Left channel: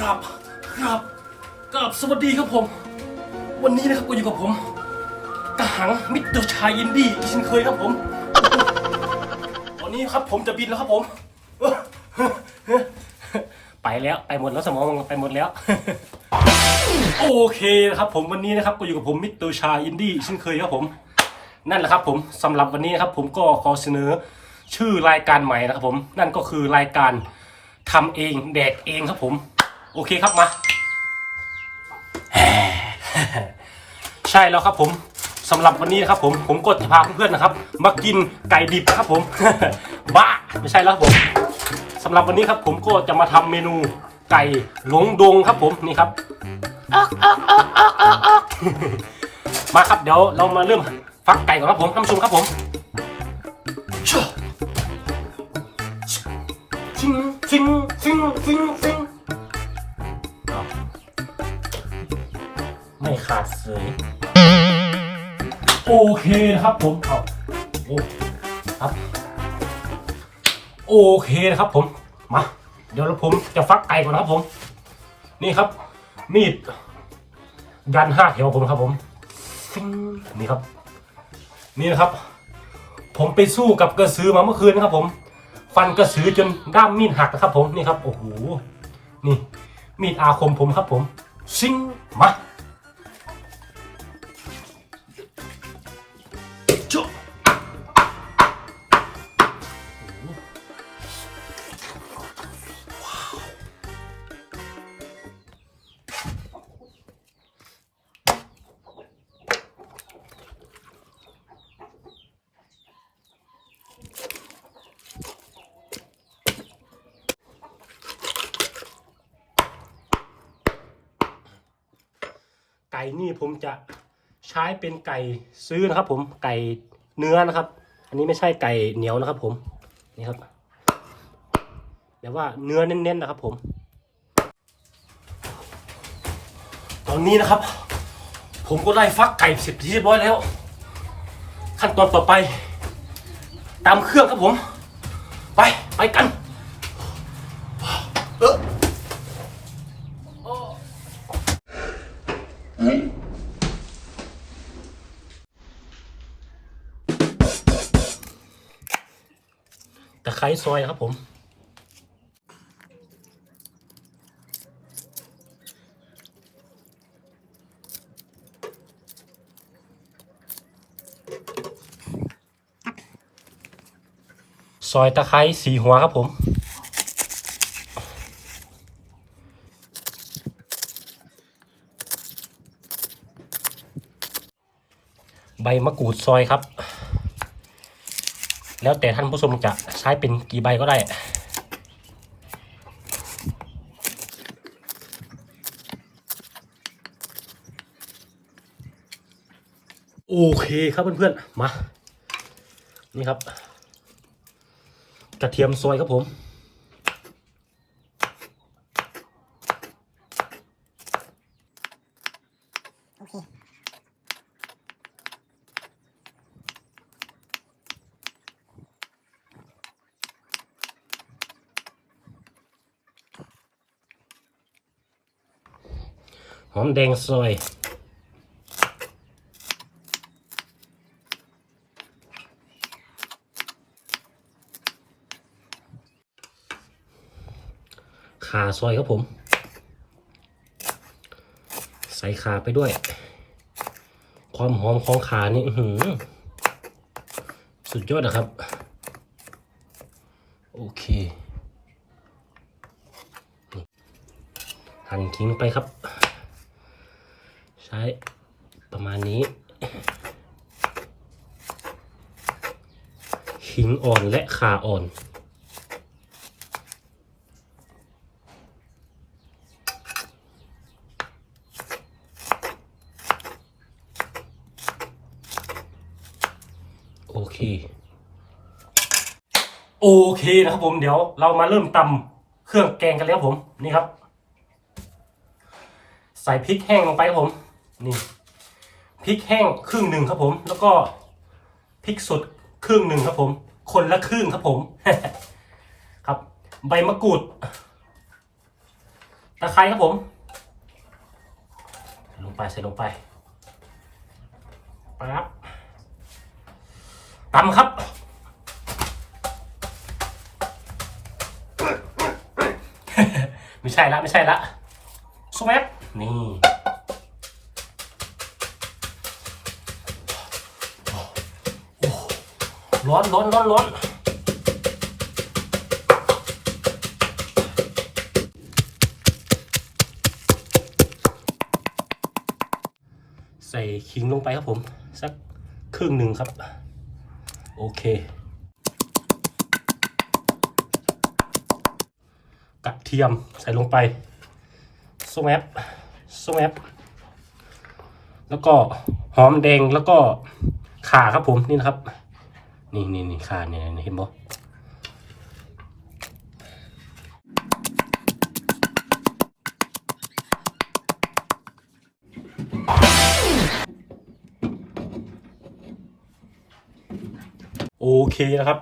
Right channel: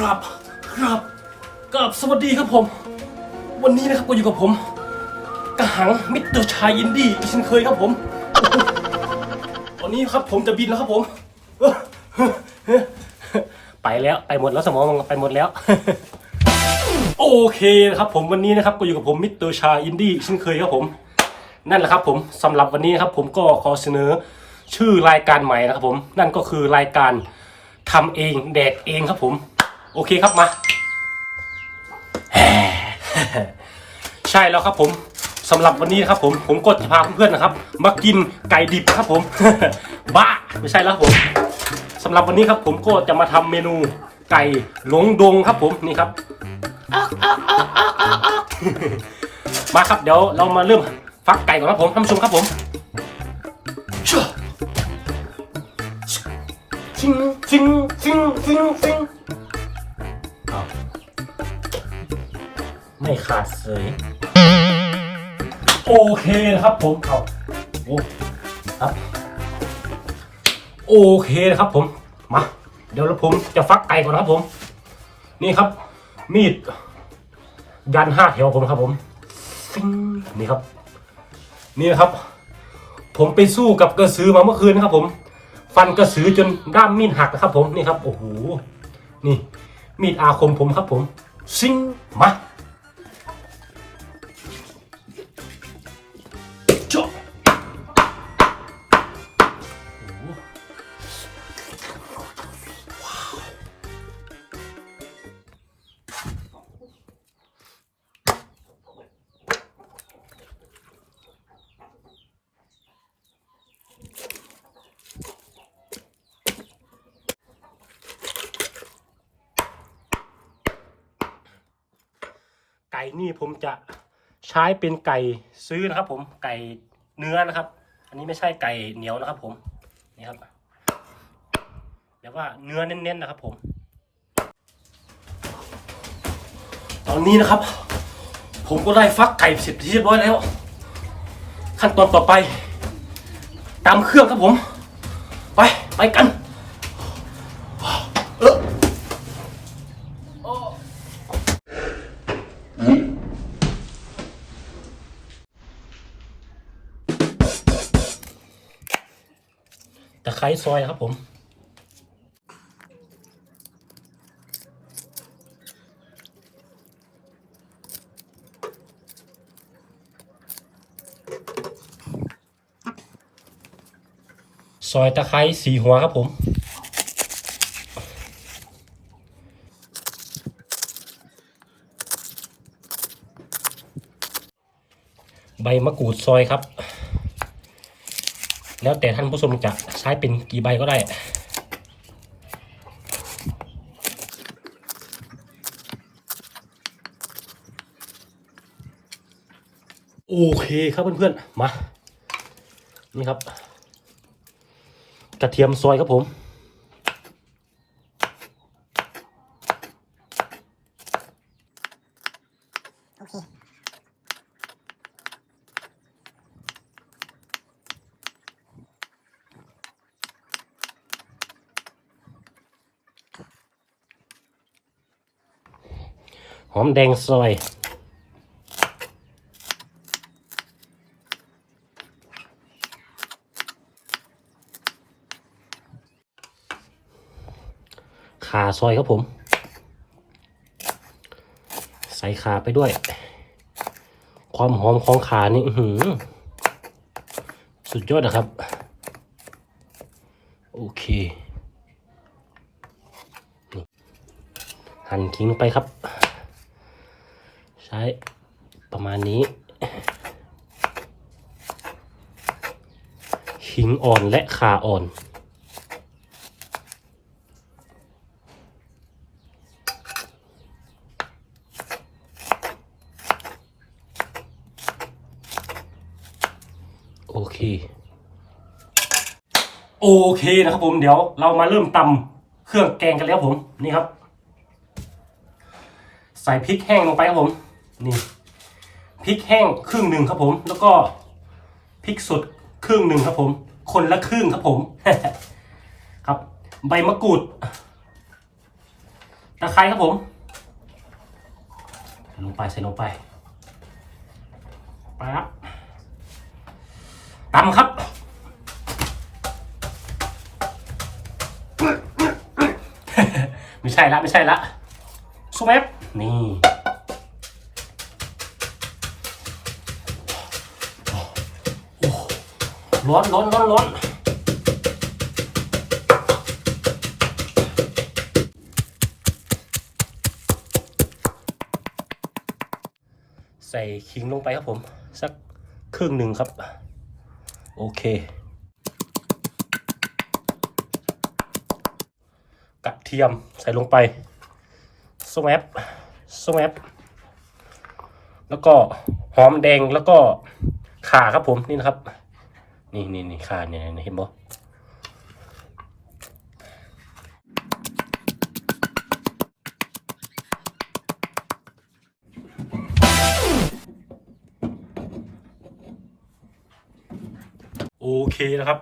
ครับครับกับสวัสดีครับผม วันนี้นะครับก็อยู่กับผมกระหังมิตรชายอินดี้อีกเช่นเคยครับผมวันนี้ครับผมจะบินแล้วครับผม ไปแล้วไปหมดแล้วสมองไปหมดแล้ว โอเคนะครับผมวันนี้นะครับก็อยู่กับผมมิเตอร์ชาอินดี้เช่นเคยครับผม นั่นแหละครับผมสำหรับวันนี้นะครับผมก็ขอเสนอชื่อรายการใหม่นะครับผม นั่นก็คือรายการทำเองแดกเองครับผม โอเคครับมา ใช่แล้วครับผมสำหรับวันนี้นะครับผมผมก็จะพาเพื่อนๆนะครับ มากินไก่ดิบครับผม บ้าไม่ใช่แล้วครับผมสำหรับวันนี้ครับผมก็จะมาทำเมนูไก่หลงดงครับผมนี่ครับมาครับเดี๋ยวเรามาเริ่มฟักไก่ก่อนครับผมท่านผู้ชมครับผมชิงชิงชิงชิงชิง ขาดเสยโอเคนะครับผมเอาโอ้ครับโอเคนะครับผมมาเดี๋ยวผมจะฟักไก่ก่อนนะครับผม นี่ครับ มีด ยันห้าแถวผมครับผมฟิงนี่ครับ นี่นะครับ ผมไปสู้กับกระสือมาเมื่อคืนนะครับ ผม ฟันกระสือจนด้ามมีดหักนะครับ ผมนี่ครับโอ้โหนี่ มีดอาคมผมครับผม ซิงมา ก่นี่ผมจะใช้เป็นไก่ซื้อนะครับ ผมไก่เนื้อนะครับ อันนี้ไม่ใช่ไก่เหนียวนะครับ ผมนี่ครับแบบว่าเนื้อเน้นๆนะครับ ผม ตอนนี้นะครับ ผมก็ได้ฟักไก่เสร็จที่เรียบร้อยแล้ว ขั้นตอนต่อไปตามเครื่องครับผม ไปไปกัน เออ ไคร้ซอยครับผมซอยตะไคร้สีหัวครับผมใบมะกรูดซอยครับ แล้วแต่ท่านผู้ชมจะใช้เป็นกี่ใบก็ได้ โอเคครับเพื่อนๆ มา นี่ครับ กระเทียมซอยครับผม อมแดงซอยขาซอยครับผม ใส่ขาไปด้วย ความหอมของขานี่หืสุดยอดนะครับ โอเค หั่นขิงไปครับ ใช้ประมาณนี้ขิงอ่อนและขาอ่อนโอเค โอเคนะครับผมเดี๋ยวเรามาเริ่มตำเครื่องแกงกันแล้วผม นี่ครับ ใส่พริกแห้งลงไปครับผม นี่พริกแห้งครึ่งหนึ่งครับผม แล้วก็พริกสดครึ่งหนึ่งครับผม คนละครึ่งครับผม ครับ ใบมะกรูดตะไคร้ครับผมใส่ลงไปใส่ลงไปปั๊บตำครับไม่ใช่ละไม่ใช่ละซูเอฟนี่ ร้อนร้อนร้อนร้อนใส่ขิงลงไปครับผม สักครึ่งหนึ่งครับ โอเค กระเทียมใส่ลงไปสแมปสแมปแล้วก็หอมแดงแล้วก็ข่าครับผมนี่นะครับ นี่นี่นี่ข่าเนี่ยเห็นบ่โอเคนะครับ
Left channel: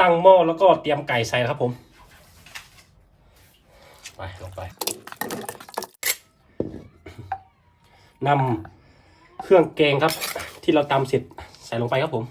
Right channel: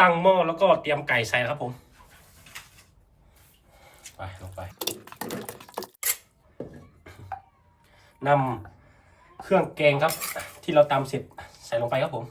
ตั้งหม้อแล้วก็เตรียมไก่ใส่ครับผม ไปลงไปนำเครื่องแกงครับ ที่เราตำเสร็จใส่ลงไปครับผม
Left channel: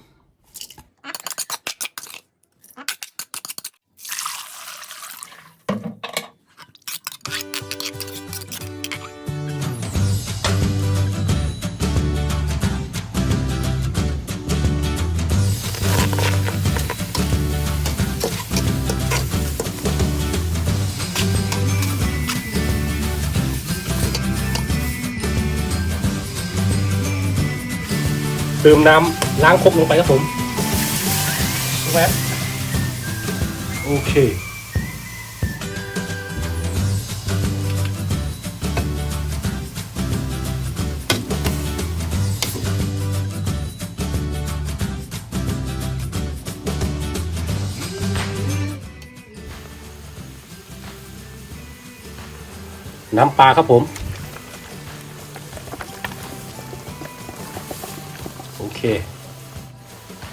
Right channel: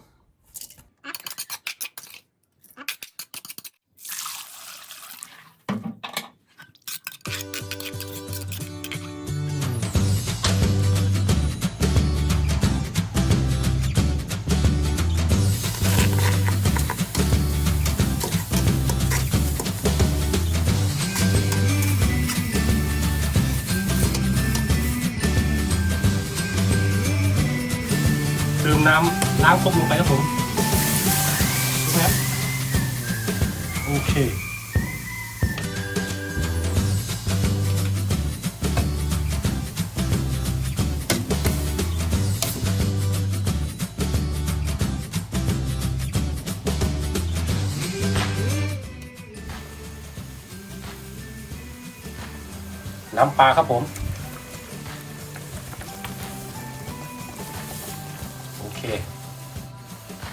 น้ำล้างครกลงไปครับผมแวะโอเคน้ำปลาครับผม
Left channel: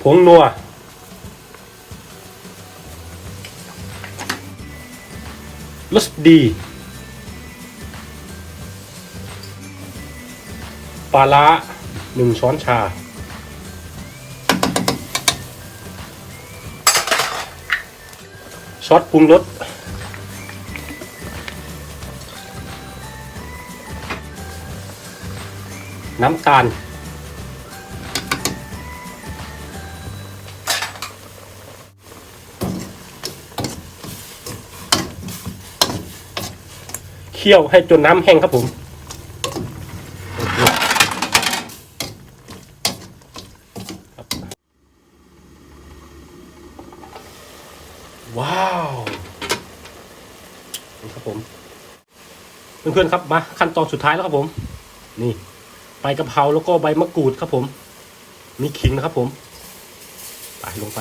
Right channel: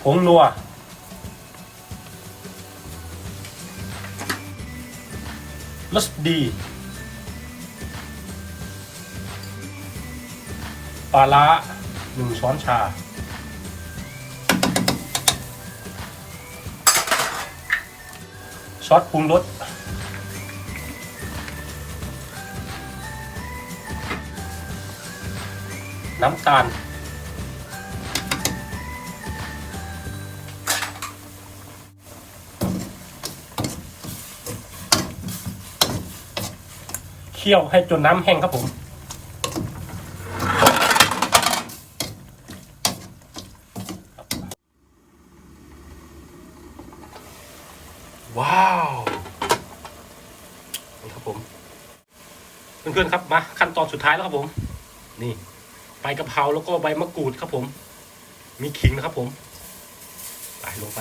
ผงนัวรสดีปลาร้าหนึ่งช้อนชา ซอสปรุงรสน้ำตาล เคี่ยวให้จนน้ำแห้งครับผม ว้าวครับผม เพื่อนๆครับมาขั้นตอนสุดท้ายแล้วครับผม นี่ใบกะเพราแล้วก็ใบมะกรูดครับผม มีขิงนะครับผม ไปลงไป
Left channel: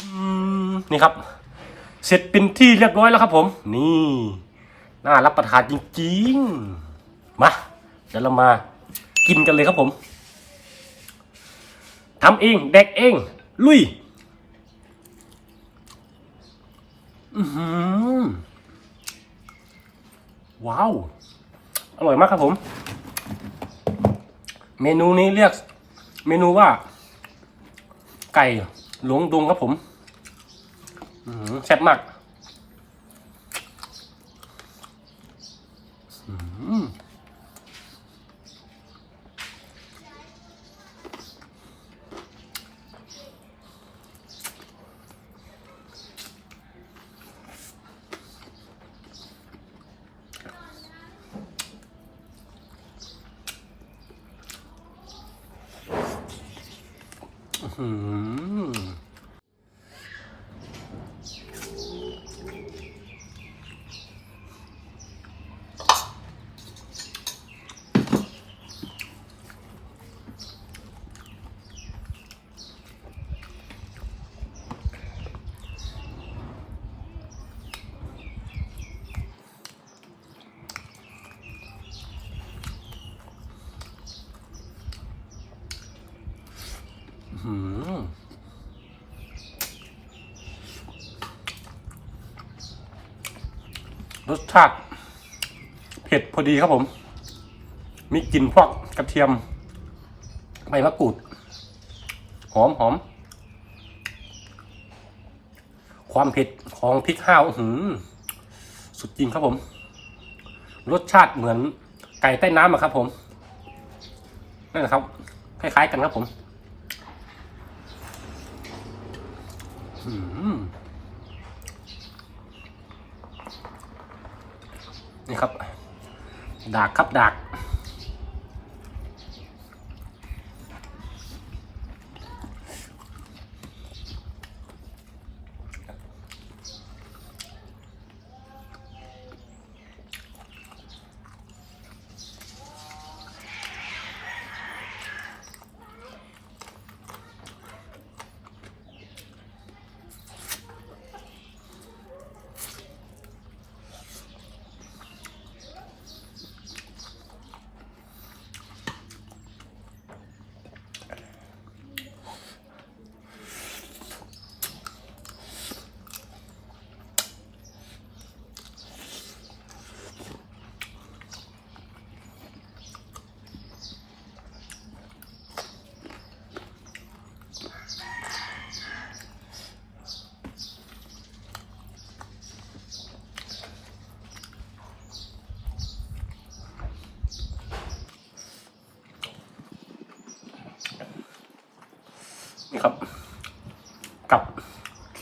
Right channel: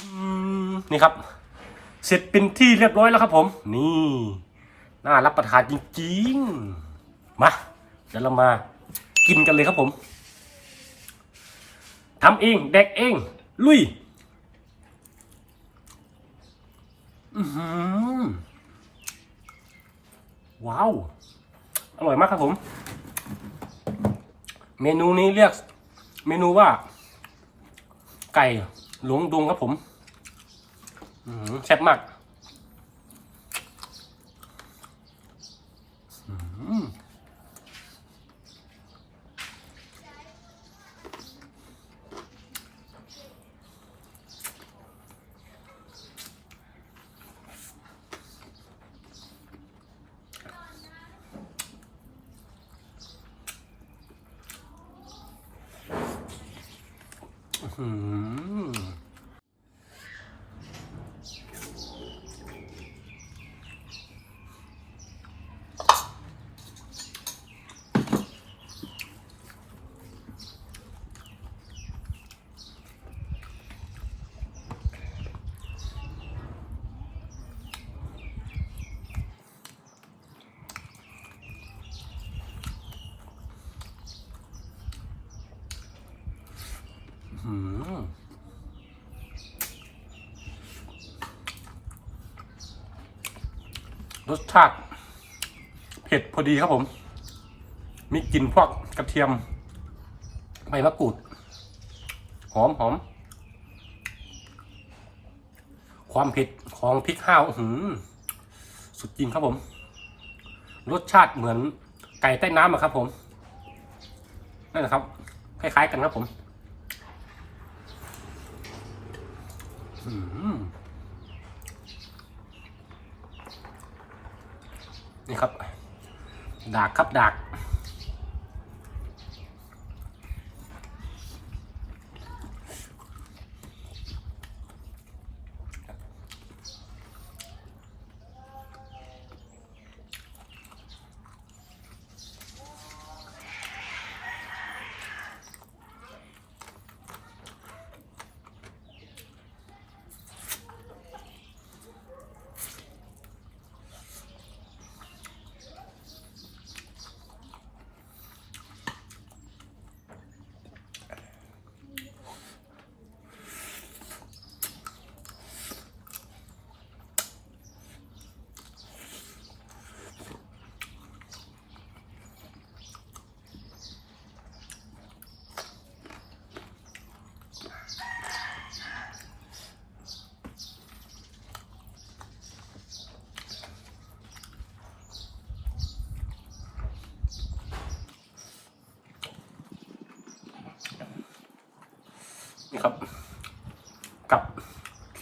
อืม นี่ครับ เสร็จเป็นที่เรียบร้อยแล้วครับผม นี่น่ารับประทานจริงๆ มาเดี๋ยวเรามากินกันเลยครับผมทำเองแดกเอง ลุยอือหือว้าว อร่อยมากครับผม เมนูนี้เรียก เมนูว่า ไก่หลวงดงครับผม แซ่บมากอืม รสชาติ เผ็ดพอดีครับผม มีกลิ่นพวกกระเทียมใบมะกรูด หอมหอม ความเผ็ดของพริกห้าวหือสุดจริงครับผม รสชาติเหมือนไก่ใต้น้ำอะครับผม นั่นแหละครับ คล้ายๆกันครับผม อืม นี่ครับ ดากครับดาก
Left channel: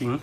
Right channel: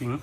ขิง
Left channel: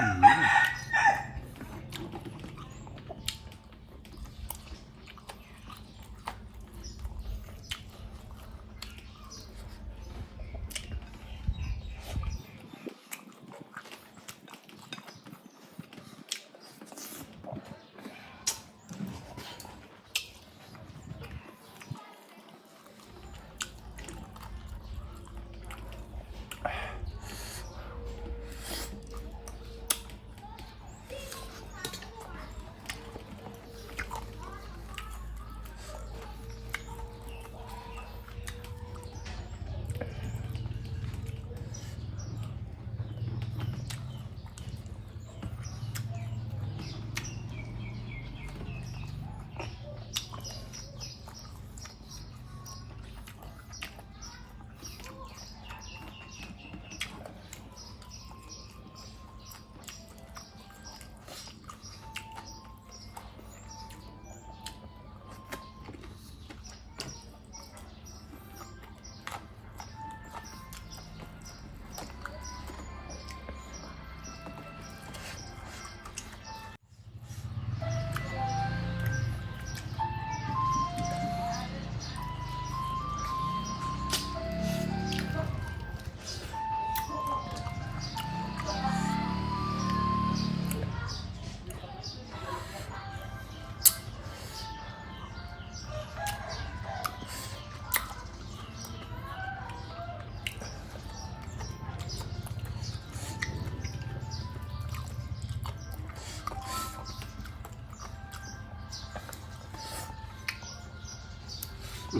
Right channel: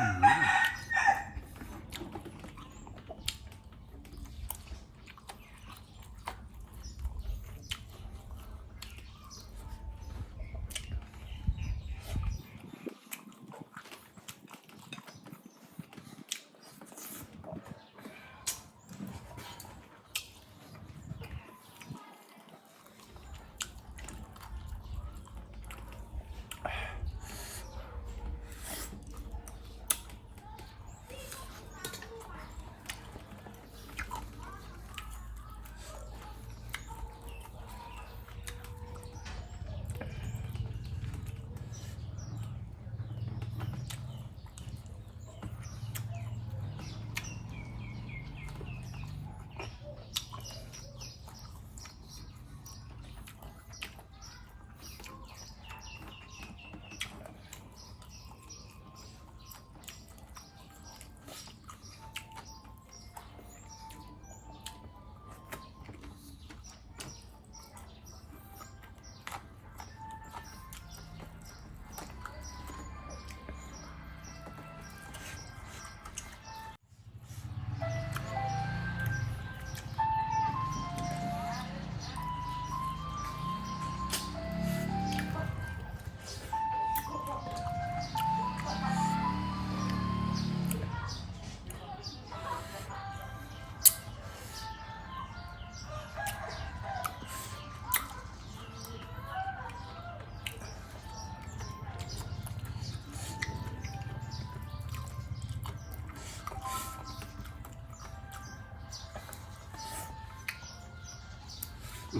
Mm-hmm.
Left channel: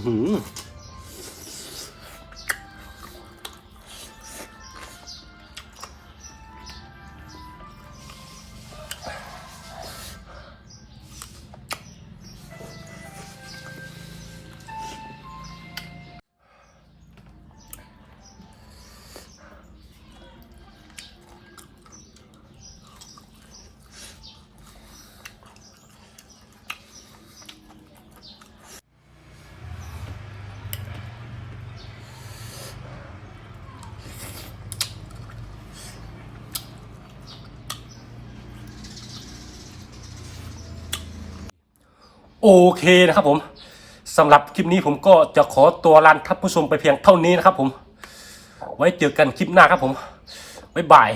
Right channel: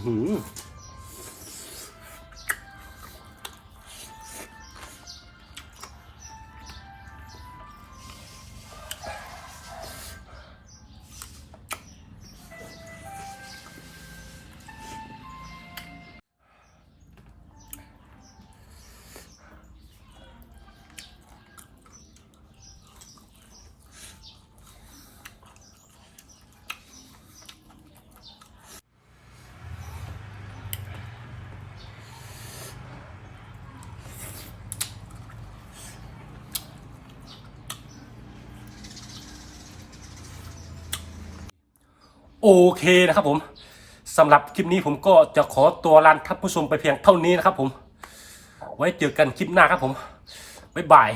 หือ โอเคนะครับผมสำหรับคลิปนี้ผมก็จะขอตัวลาท่านผู้ชมไปเพียงเท่านี้นะครับผม ไว้เจอกันคลิปหน้าครับผม บ๊ายบาย